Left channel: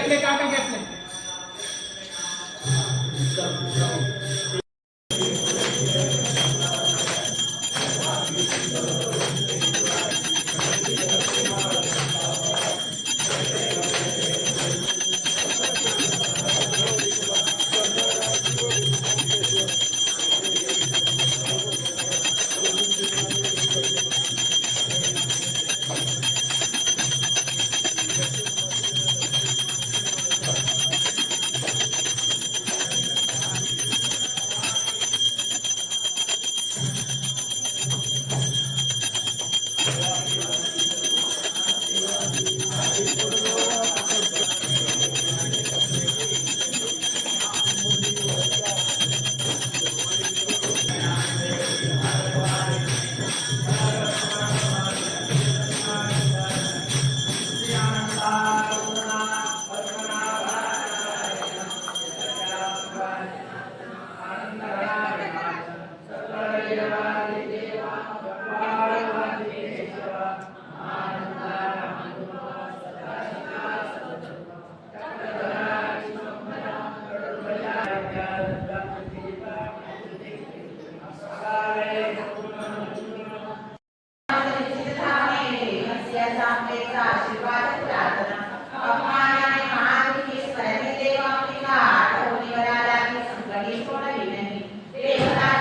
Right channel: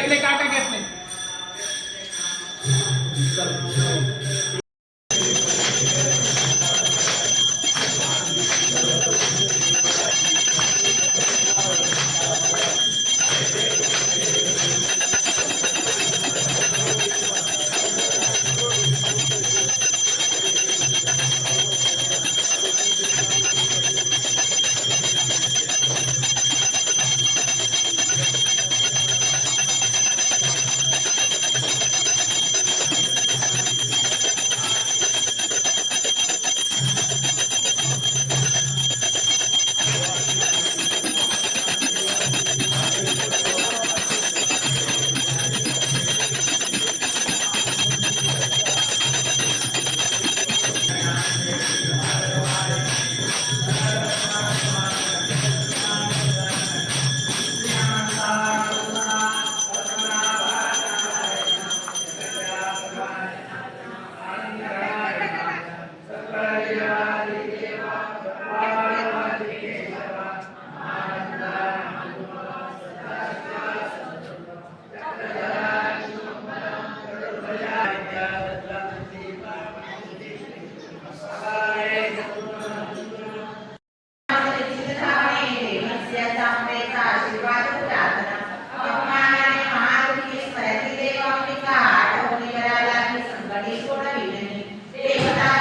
घेतले काटा घेतले देवता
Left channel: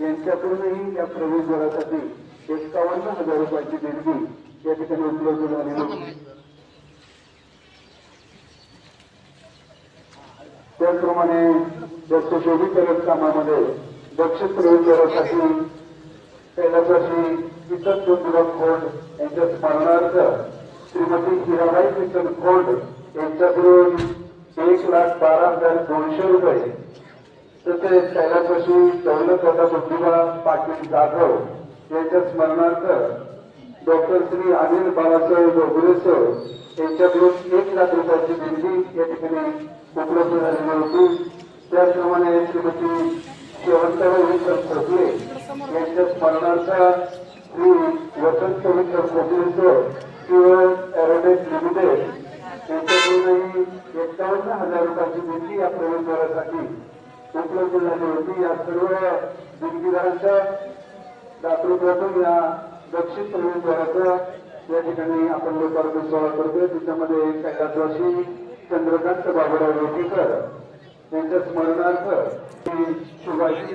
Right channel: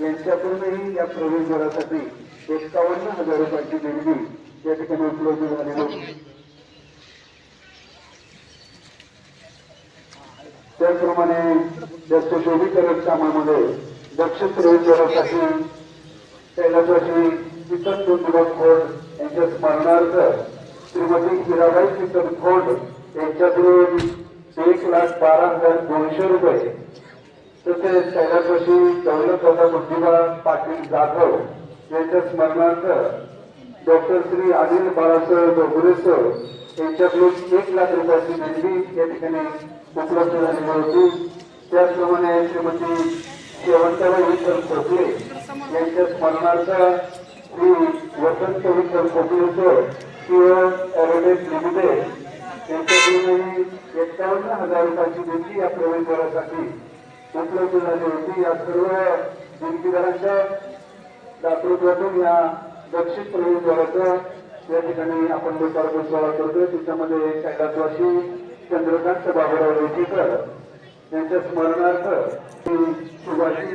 यांच्याकडूनही या प्रवेशद्वारासाठी 51,000 रुपयाची देणगी या ठिकाणी उपलब्ध झालेली होती। त्याचप्रमाणे या सुशोभीकरण कामामध्ये दक्षिण प्रवेशद्वारासाठी कैलासवासी कीर्तन ज्योतिबा खोंड यांच्या स्मरणार्थ श्रीमती हिराबाई कीर्तन खोंड यांच्याकडून 1,12,200 रुपये, तसेच कैलासवासी दौलतदादा बुद्धिबा पाटील जाधव यांच्या स्मरणार्थ डॉक्टर श्री अनिल बाळासाहेब डोगरेसर यांच्याकडून 1,00,000 रुपयाची देणगी या ठिकाणी उपलब्ध झालेली होती। त्याचप्रमाणे श्रीमती शेवंतबाई विठ्ठल खोकले यांच्या स्मरणार्थ श्री वसंत विठ्ठल खोकलेसर किंवा एरोडेट लिमिटेड यांच्याकडूनही 51,000 रुपयाची देणगी या प्रवेशद्वारासाठी उपलब्ध झाली होती। या सर्व देणगीदारांच्या दातृत्वातून या दक्षिण प्रवेशद्वाराचा या ठिकाणी आपण लोकार्पण सोहळा करतोय। त्याच्यामध्ये कैलासवासी चंद्रकांत बाबूराव रेटीकर यांच्या स्मरणार्थ सुभाषी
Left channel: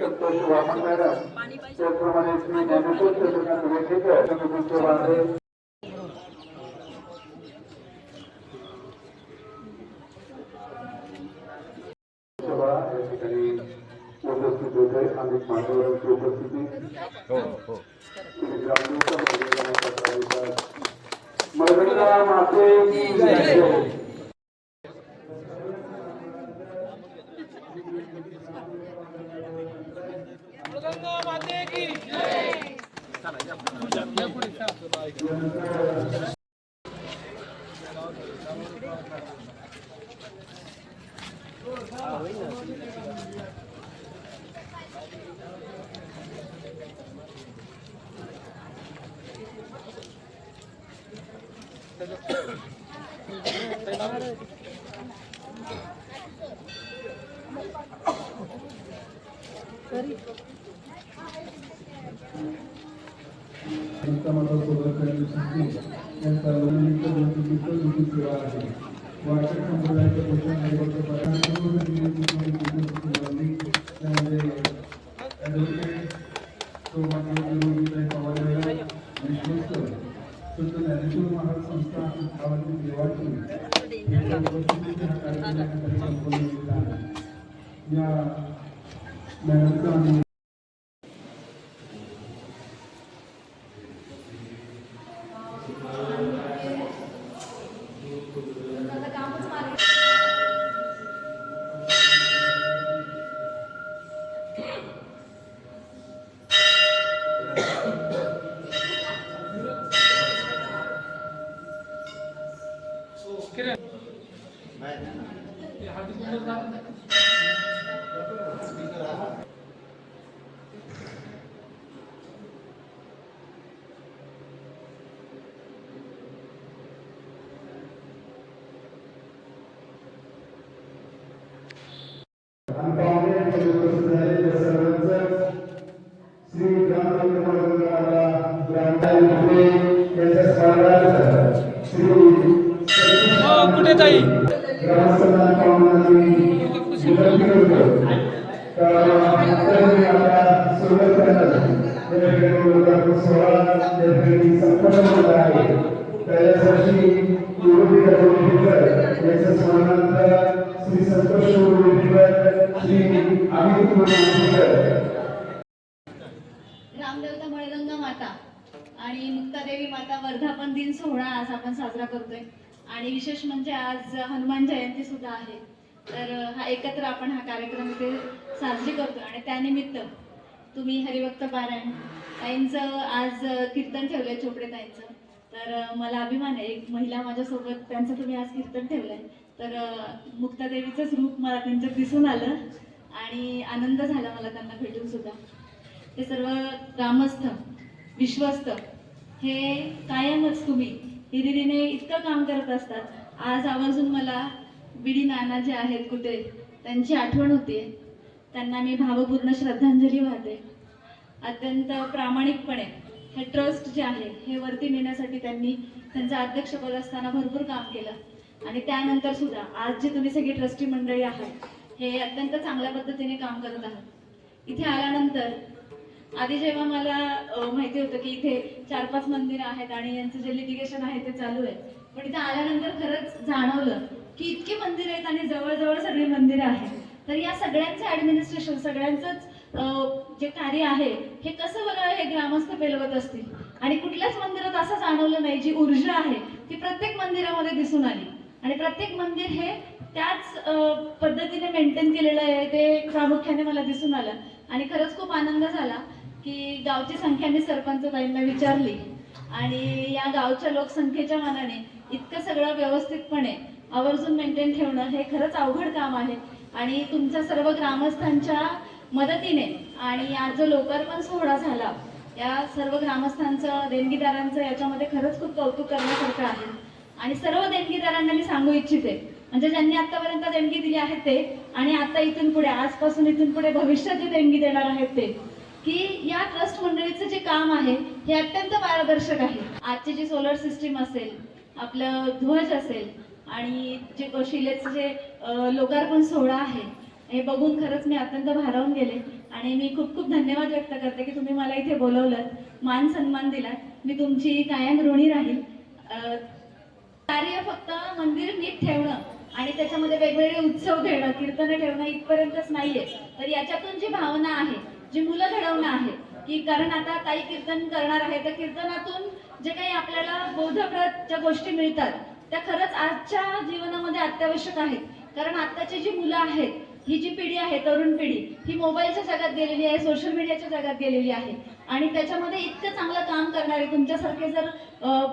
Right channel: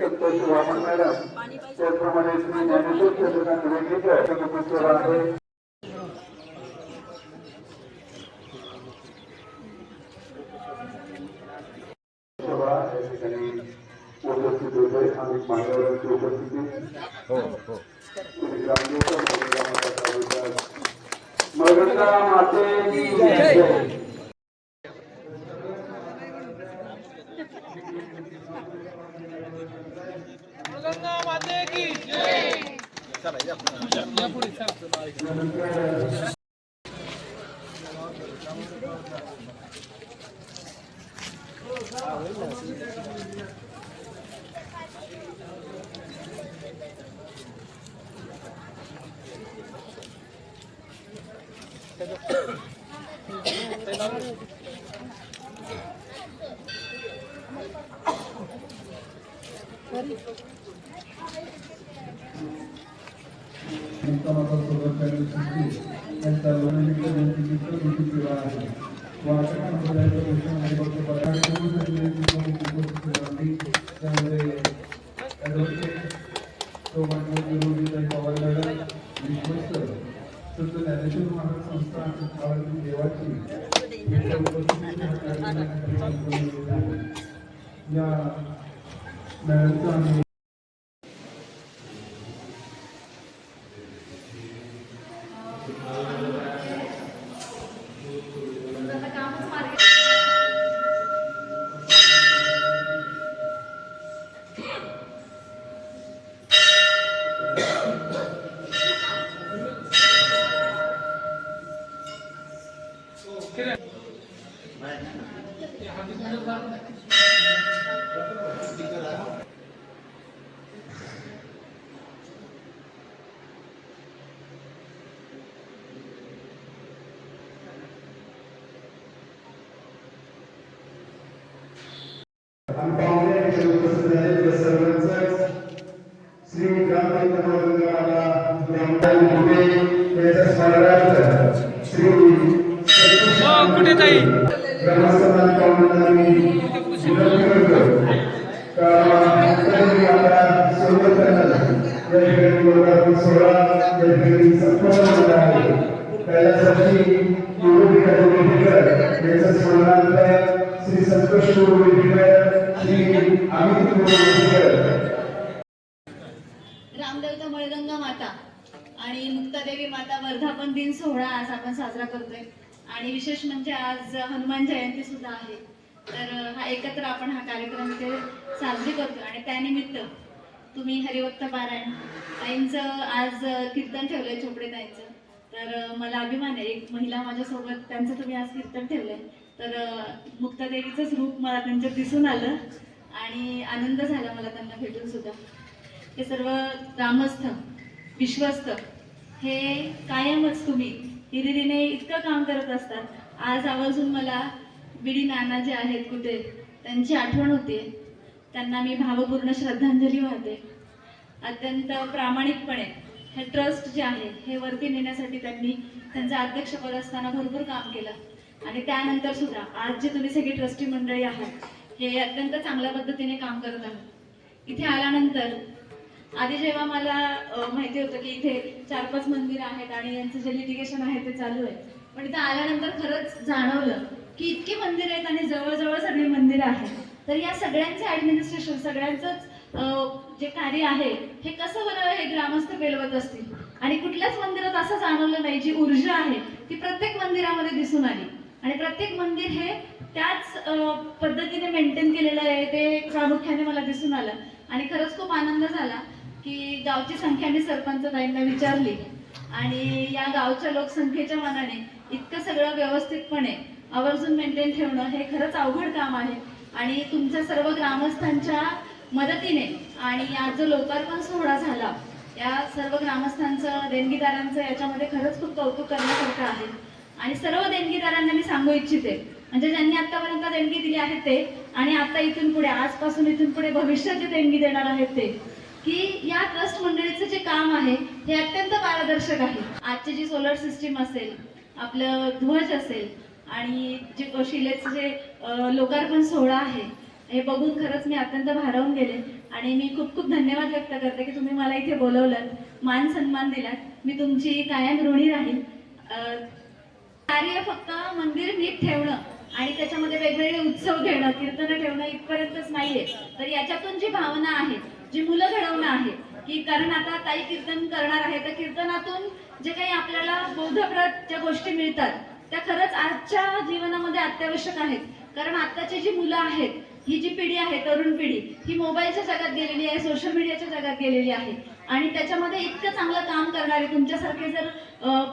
संतोष वामन मॅडम, त्याचप्रमाणे श्री ज्ञानेश्वर चंद्रकांत रेटीकर आहे। सभा या ठिकाणी उपस्थित होते अनेक मान्यवरांची उपस्थिती। मरगंगा माते की जय। मरगंगा माते की जय। श्री रामदेवता मळगंगा माता आणि मुक्तादेवी माता वर्धापन दिन सोहळा आज आपण साजरा करतोय आणि विशेष म्हणजे आज हनुमान जयंती सुद्धा आहे। तर हा एकत्र आपण हा कार्यक्रम इथे साजरी करतोय आणि त्यानिमित्त तुम्ही हरिभक्त पारायण ताईंचं आज कीर्तन ठेवलंय, चोपडे ताईंचं। तर मला अभिमान आहे, एक महिला माझ्यासोबत त्यांचं तुम्ही आज कीर्तन ठेवलंय। तर मुक्तादेवीचंच रूप मला त्यांच्यात दिसून आलं आणि आनंद झाला मला त्यांना भेटून सुद्धा। हे सर्व ग्रामस्थ विश्वस्त हे कायमच तुम्ही हिरिरीने इतकं काम करत असतात। आज आवर्जून मला बिडी नाना जे आहेत कुठे त्यांची आठवण होते, त्यांना मी भावपूर्ण श्रद्धांजली वाहते। अत्यंत प्रामाणिकपणे हे ट्रस्ट जे आहे हे वरती नेण्यासाठी त्यांनी त्यांचं अध्यक्षपद असताना भरपूर काम केलं आणि त्यानंतर सुद्धा आज जे तुम्ही सगळी ट्रस्टी मंडळी आहात हे अत्यंत चांगल्या पद्धतीने काम करत आहात। इथे आल्यानंतर आधी जेव्हा मला माहिती होतं की इथे 4-5 मंदिरं आहेत आणि यांचं जे लिटिगेशन आहे ते चालू आहे, पण इथे आल्यानंतर खरंच जाणवलं की इतकी मंदिरं आहेत आणि जवळजवळ सगळी मंदिरं आहेत. तर या सगळ्यांचं ऍडमिनिस्ट्रेशन, सगळ्यांचंच जे कार्य आहे हे कसं बरं हे ग्रामस्थ पेलवत असतील. आणि कुठल्याच मंदिरात असं जाणवलं नाही, जी ऊर्जा आहे ती प्रत्येक मंदिरामध्ये दिसून आली आणि प्रत्येक मंदिर हे त्याच पद्धतीने मेंटेन केलेलं आहे ते प्रामुख्याने मला दिसून आलं. आणि खरंच खूप आनंद झाला की गावची संख्या मी सरपंच ताईंना विचारली आणि या गावच्या लोकसंख्येच्या मानाने इतकं सगळं व्यवस्थितपणे आवर्जून मेंटेन ठेवणं हे खरंच अवघड काम आहे. आणि तुमच्या सर्व ग्रामस्थांच्या मदतीने आणि आज जो लोकार्पण सोहळा झाला, या सर्व ग्रामस्थांचं, देणगीदारांचं याच्यामध्ये खरंच खूप कौतुक करण्यासारखं आहे. आणि सर्व देणगीदारांना मी सांगू इच्छिते, म्हणजे ज्यांनी आतापर्यंत देणगी दिली आहे ते आणि आता इथून पुढे, आजपासून इथून पुढे भविष्यात जे देणगी देणार आहेत ते, की या ट्रस्ट मंडळीचं जे काम आहे हे अत्यंत पारदर्शक आहे. आजची जी सोलर सिस्टीम असेल, आपलं ध्वज असेल आणि जे शिलेचं जे लोकार्पण सोहळा आहे हे बघून खरंच मी अत्यंत भारावून गेले. आणि मी खूप खूप धन्यवाद व्यक्त करते की तुम्ही मला इथे बोलवलं, मान सन्मान दिलात. मी तुमची कायम ऋणी राहील. कार्य फक्त मंदिर नीट ठेवणं आणि त्याच्यामध्ये वेगवेगळे उत्सव घेणं, कीर्तनं ठेवणं इथपर्यंतच नाहीये. तर याच्यातून जी भावना आहे, जी मुलं घडवणं आहे, की कारण आता ताई कीर्तन करणार आहे, तर कीर्तनातून जे काही आपल्याला बोधप्रद ज्या गोष्टी मिळतात त्या खरंच आजच्या जीवनामध्ये अत्यावश्यक आहेत. कारण आताची जी मुलं आहेत, ही जी पिढी आहे, तरुण पिढी, ही मोबाईलच्या जगात गेलेली आहे, सोशल मीडियाच्या जगात गेलेली आहे. आणि त्याच्यामध्ये इतकं चांगलं काम करणारे तुमच्यासारखे जर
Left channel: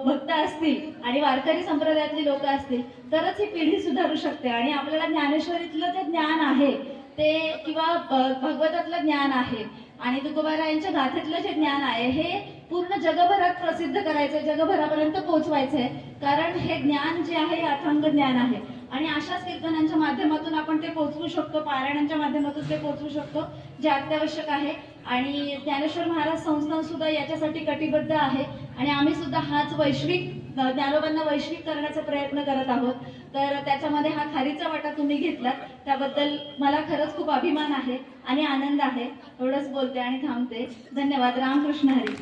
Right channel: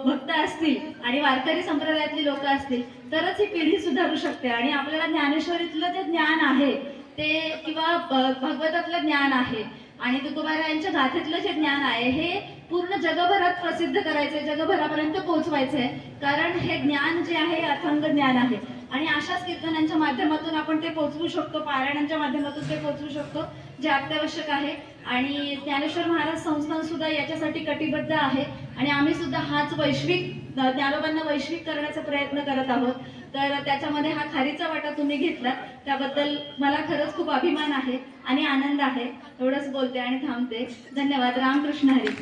भक्त असतील आणि वारकरी संप्रदायातली लोक असतील तरच ही पिढी सुधारू शकते. आणि आपल्याला ज्ञानेश्वरीतलं जे ज्ञान आहे ते, किंवा भागवतातलं ज्ञान आहे आणि तुकोबारायांच्या गाथेतलं जे ज्ञान आहे हे पूर्ण जगभरात प्रसिद्ध करायचंय, जगभरापर्यंत पोहोचवायचंय. कारण हे ज्ञान जे आहे अथांग ज्ञान आहे आणि अशाच कीर्तनांच्या माध्यमातून आपण ते पोहोचवू शकतो, पारायणांच्या माध्यमातून ते पोहोचवू शकतो, जे अत्यावश्यक आहे. आणि ज्ञानेश्वर महाराज संस्थान सुद्धा याच्यासाठी कटिबद्ध आहे आणि आम्ही सुद्धा हाच वैश्विक, ज्ञानोबांना वैश्विक करण्याचा प्रयत्न करत आहोत. तर त्याच्यामध्ये हा खारीचा वाटा तुम्ही घेतलात, त्याबद्दल मला खरंच खूप अभिमान आहे आणि आनंद आहे. एवढंच बोलते आणि थांबते. धन्यवाद. रामकृष्ण हरी.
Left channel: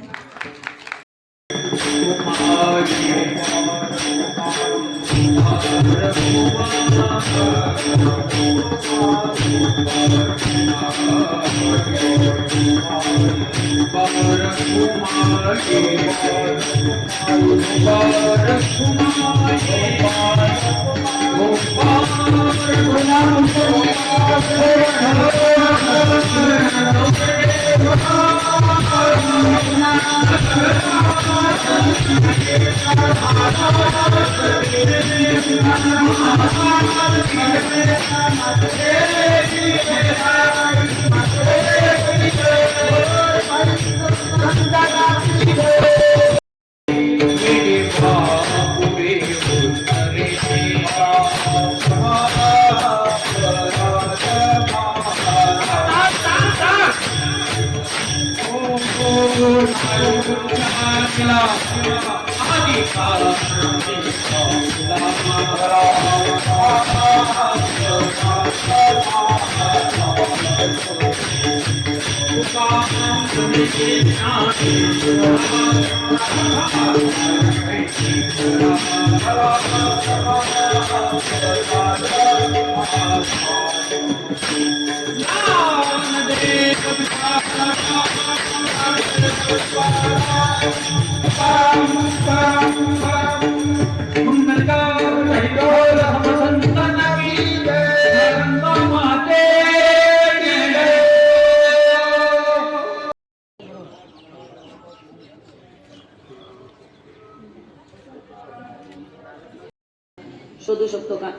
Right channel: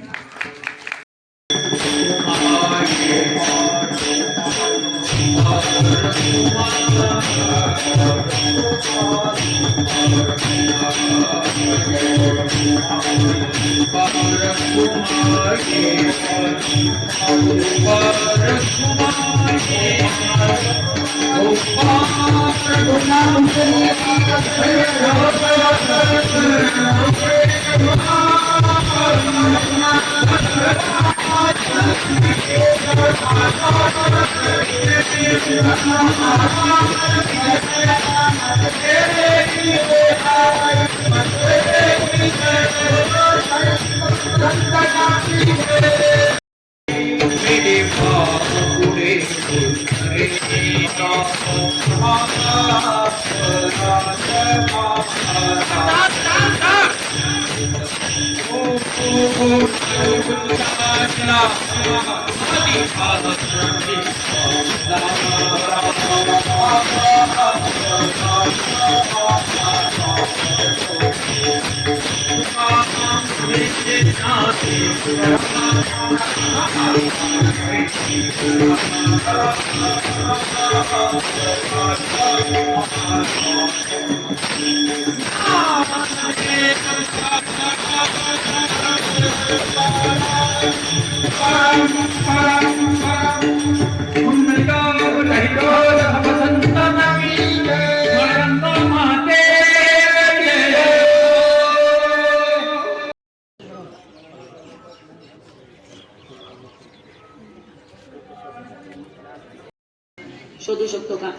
शोधू शकतो का?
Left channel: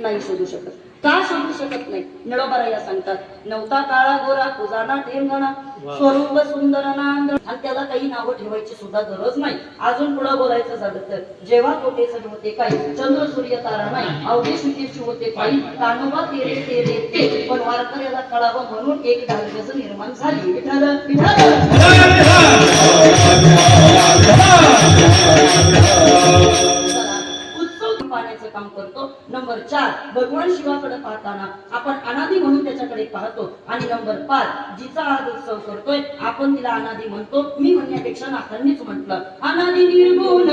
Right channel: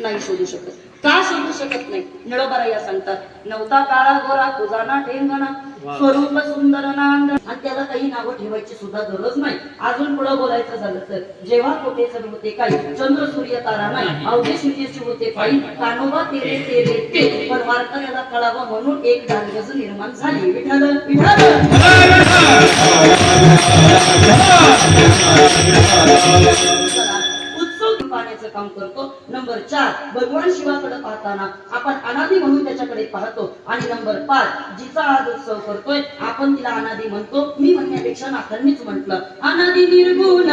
नाही शोधू शकत. का शोधू शकत नाही? निळोबाराया सांगतात, नवता काळा गोरा तुझाना टेंगणा स्वरूप सुंदर नांद. आणि त्याला काही नावं ठेवायची सुद्धा गरज नाही. अजून पुढे बोलायचं झालं तर, जेव्हा कोटे सर्व होते काही, चंद्र सूर्य तारा नाही, अवघे शुचीची होते पायी, तानोबा तेरे तेरे ते. पण वारकऱ्याला कळावं म्हणून एक डालगज निर्माण झाली. विठ्ठल उत्सव पाण्याचं काम करतो. नंबर 4, भगवान शिवाकडे पाहताना आपण अनादी म्हणून त्याच्या त्याच्याकडे पाहतो. आणि नंबर 5, जिचा आज उत्सव करतोय आपण तिला अनादी म्हणतो. मी म्हणण्यापेक्षा नाथांनीच म्हटलं, अनादी निर्गुण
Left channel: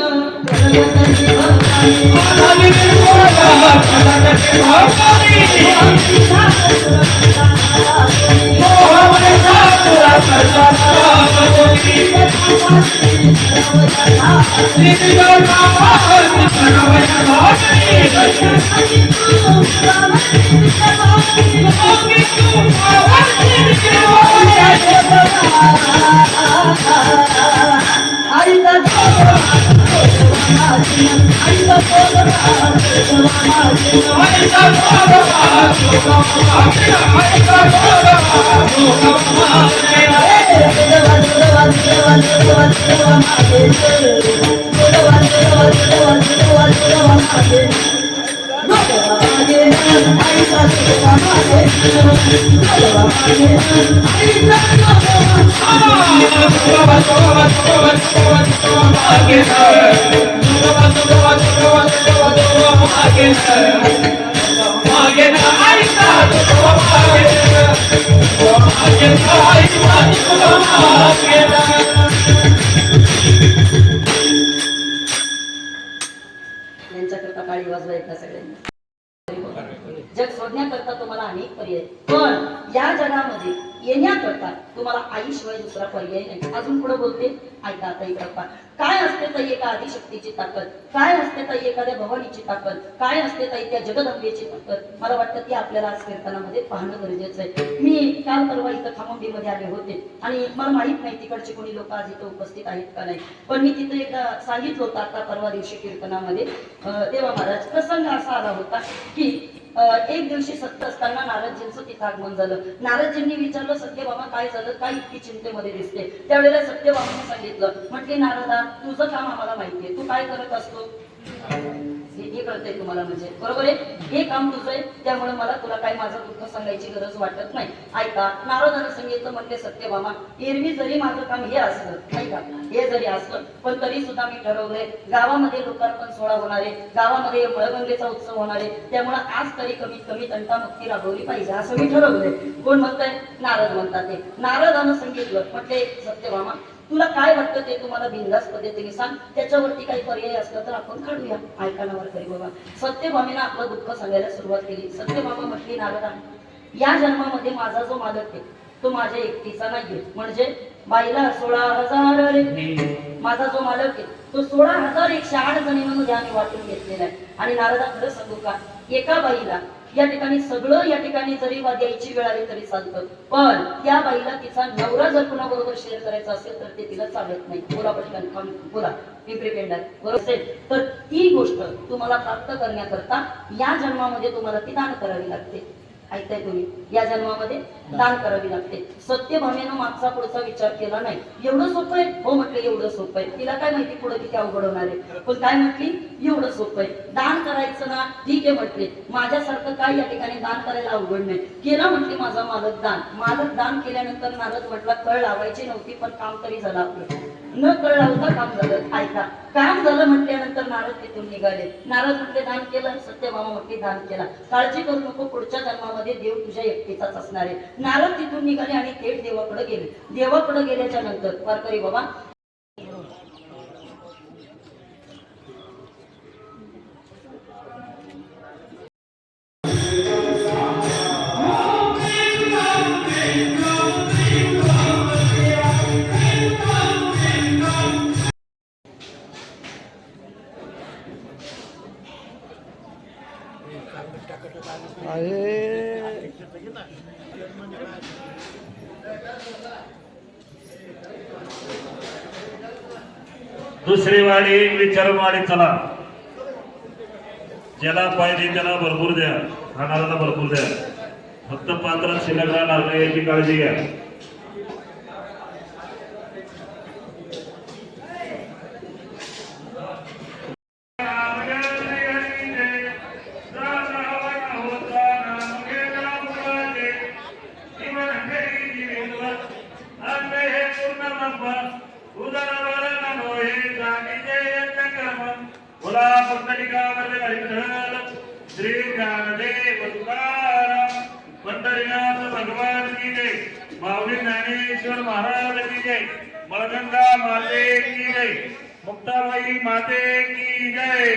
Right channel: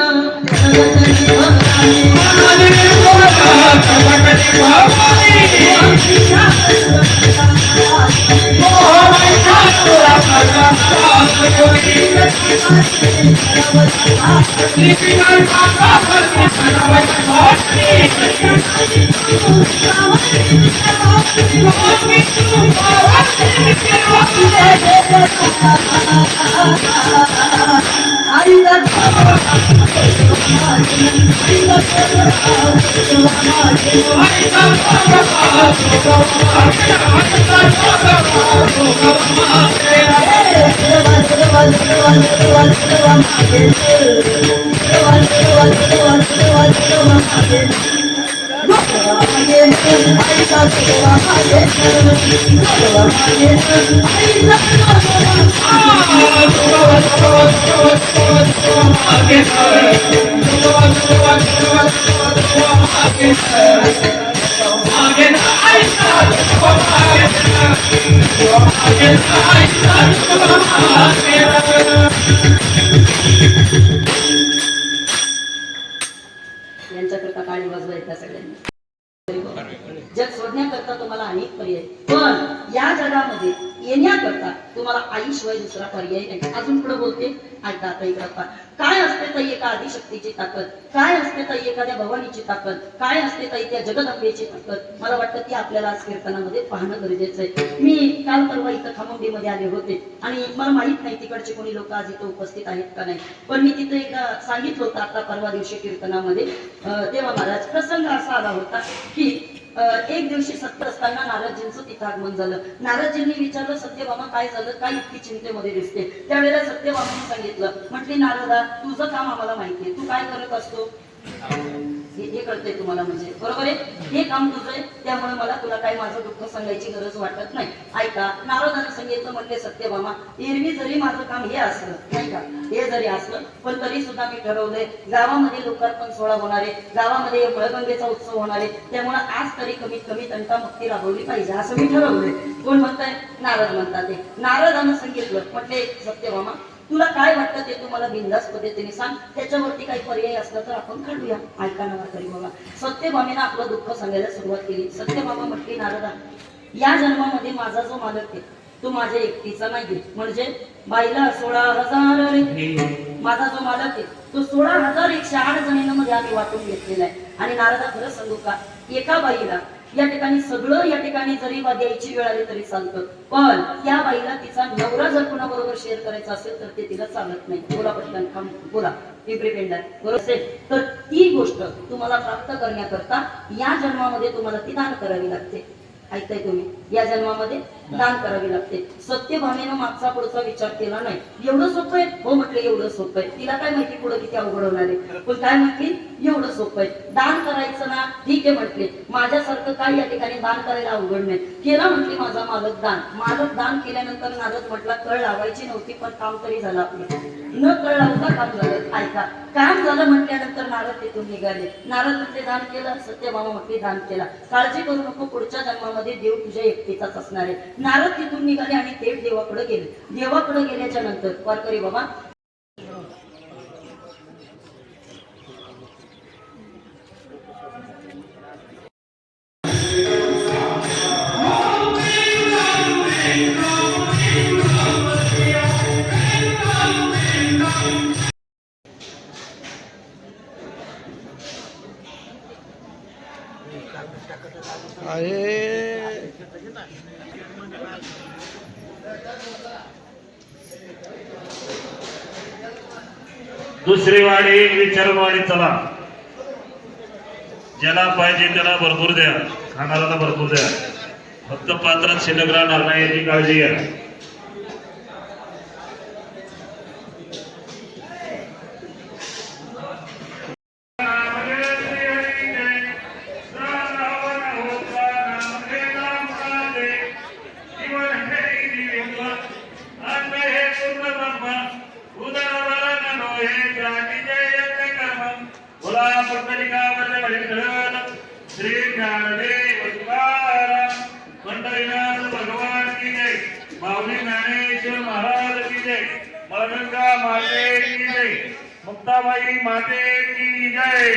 यांच्याकरता काळी वाजवायचा सगळ्यांनी. जग शोधण्याकरता तुम्हाला अनेक पर्याय, पण या जगामध्ये येण्याकरता तुम्हाला आईशिवाय दुसरा पर्याय नाही. अजून पुढे बोलते, ऐका आता इकडे पहा. काय असते ताई एका आदिशक्तीची ताकद, काय असते ताई एखाद्या भवानीची ताकद, काय असते ताई त्या जगदंबेची ताकद. मला वाटतं ती आपल्याला आज कीर्तनामध्ये पाहणं गरजेचं आहे. मी काल परवा इथं खामोंडीमध्ये आले होते आणि मला माहित नाही तिकडचे कोणी लोक आज इथं उपस्थित आहेत का नाही, पण मी तिथे एकदा सांगितलं होतं आता परवा दिवशी कीर्तनामध्ये. तेव्हा महाराज प्रसंग असा आला होता की एक दिवशी सत्य असताना नारदजींचं तिथं आगमन झालं. नारदजींनी विचारलं, सत्यभामा काय झालं, काय इतकी चिंतेमध्ये दिसते. त्यावेळेला सत्यभामाने सांगितलं, म्हटली नारदा तुझं काम आम्हाला माहितीये, तू काय करत असतो हे कळतंय तुम्हाला, म्हणजे बरोबर आहे, हे काम तुझं आहे, त्यामुळे मला तुला काय माझं दुःख सांगायची गरज वाटत नाही. ऐका, नारदानं सांगितलं, म्हणले सत्यभामा एरवी जरी माझं काम हे असलं नाही का, हे जरी असलं पण तरी सुद्धा मी ठरवलंय गावामध्ये लोकार्पण सोहळा होणार आहे, गावामध्ये मळगंगेचा उत्सव होणार आहे, त्यामुळे आज तरी कमीत कमी तंटामुक्ती राबवली पाहिजे असं मी ठरवलंय. कोण म्हणताय? नारद म्हणतात. ते नारदानं सांगितलं, म्हटले सत्यभामा तुला काय वाटतं ते तुम्हाला बिनधास्त पद्धतीने सांग, त्याच्यावरती काही पर्याय असला तर आपण काढूया. ऐका नावर करी बघा. सत्यभामेनं आपलं दुःख सांगायला सुरुवात केली. सत्यभामा म्हटली, नारदा या जन्मामध्ये माझा जो मालक आहे तो माझ्या एकटीचा नाहीये, म्हणजे बाईला 16,000 रे, माझा जो मालक आहे तो 16,108 जणींमध्ये आम्ही वाटून घेतलेला आहे. आणि नारदा खरं सांगू का, एका बाईला या ठिकाणी सगळं या ठिकाणी जरी द्यायची वेळ आली तरी चालतं, पण त्या बाईला तिचा नवरा जर कुणाबरोबर शेअर करायचा असेल तर ते तिला चालत नाही. बोला पटकन, बोला पिंपरी पेंढार बरोबर असेल तर ती गोष्ट तुम्हाला प्राप्त करण्याकरता या जन्मामध्ये तुम्हाला ती दान करावी लागते. ऐकताय तुम्ही, या जन्मामध्ये दान करावी लागते. सत्यभामेनं मागचा पुढचा विचार केला नाही. एवढं सोपं आहे? हो म्हटले एवढं सोपं आहे. तिला काय माहिती पुढे किती अवघड होणार आहे, पण काय म्हटली एवढं सोपं आहे. दान करायचं ना, ठीक आहे म्हटले, माझ्यासारखं काय या ठिकाणी दान करायला अवघड नाही. केलं म्हटली माझा मालक दान. मालक दान केल्यानंतर नारद म्हटला कळ लावायची नव्हती पण काम तरी झालं आपलं, न कळ लावता काम झालं. ऐका, काम झालं म्हटल्यानंतर नारद तिथून निघाले. नारद म्हटले दान केलं, सत्यभामा म्हटली दान केला, काळजी करू नको, पुढच्या जन्मामध्ये देव तुझ्या एकटीचाच असणार आहे. नारद तिथून निघाले आणि थेट देवाकडे गेले. देवाकडे गेल्याच्या नंतर वारकरी बाबा दुसरी वाडी विचारून वाडी चला, ज्याला पाहिजे त्याला भरपूर द्या, खाणाऱ्याला भरपूर द्या, फक्त पात्रात शिल्लक राहणार नाही याची काळजी घ्या. श्री ज्ञानदेव तुकाराम पंढरीनाथ माऊली ज्ञानेश्वर महाराज की जय, मळगंगा माते की जय, मुक्ताबाई माते की जय.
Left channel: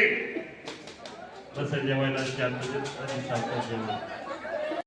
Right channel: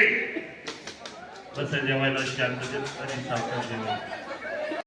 कसं जेवायला शांततेत आणि सावकाश जेवायला.